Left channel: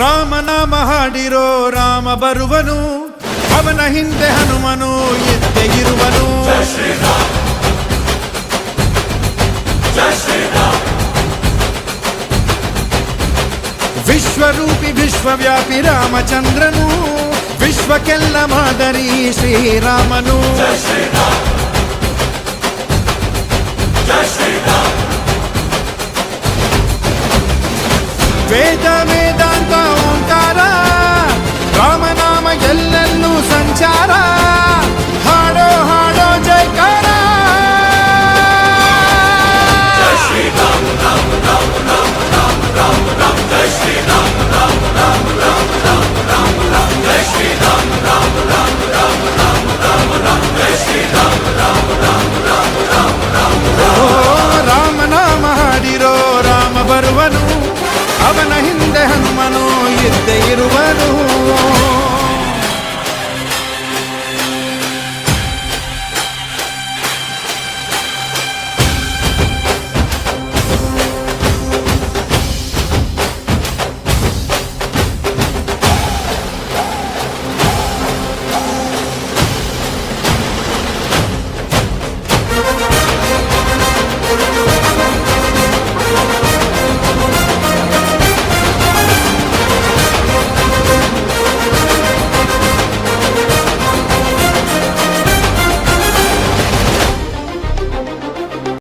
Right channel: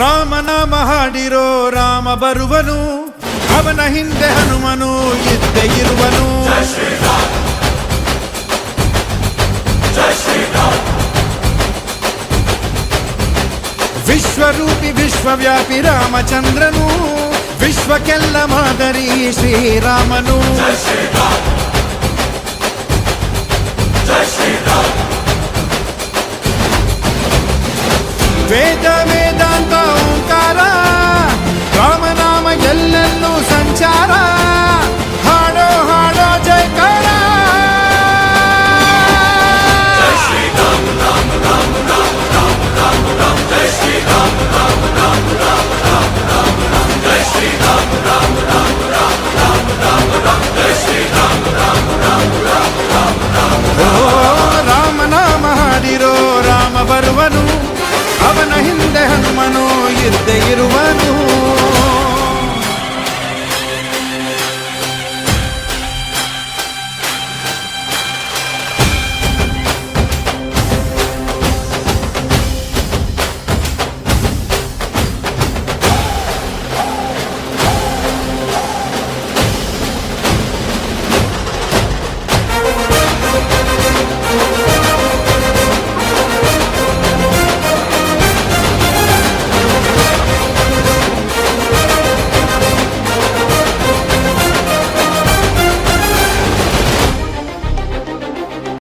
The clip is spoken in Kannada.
ರಾಮನಾಮ ಹಾಡಿರೋ ರಾಮ ಬರುವನು, ಅವನ ಹಿಂದೆ ಹನುಮನು ಇದ್ದೇ ಇರುವನು. ವಿಶ್ವರೂಪಿ ವಿಶ್ವವ್ಯಾಪಿ ರಾಮಚಂದ್ರನು, ವಿಶ್ವಕ್ಕೆಲ್ಲ ಮಾದರಿ ಶ್ರೀರಾಮನು. ವೇದ ವೇದಾಂತ ಓಂಕಾರ, ರಾಮನಾಮ ಎಲ್ಲೆಲ್ಲೂ ಸಂಚಾರ. ಹಾಡೋ ಹಾಡೋ ಜೈಕಾರ. ಓ ರಾಮನಾಮ ಹಾಡಿರೋ ರಾಮ ಬರುವನು, ಅವನ ಹಿಂದೆ ಹನುಮನು ಇದ್ದೇ ಇರುವನು.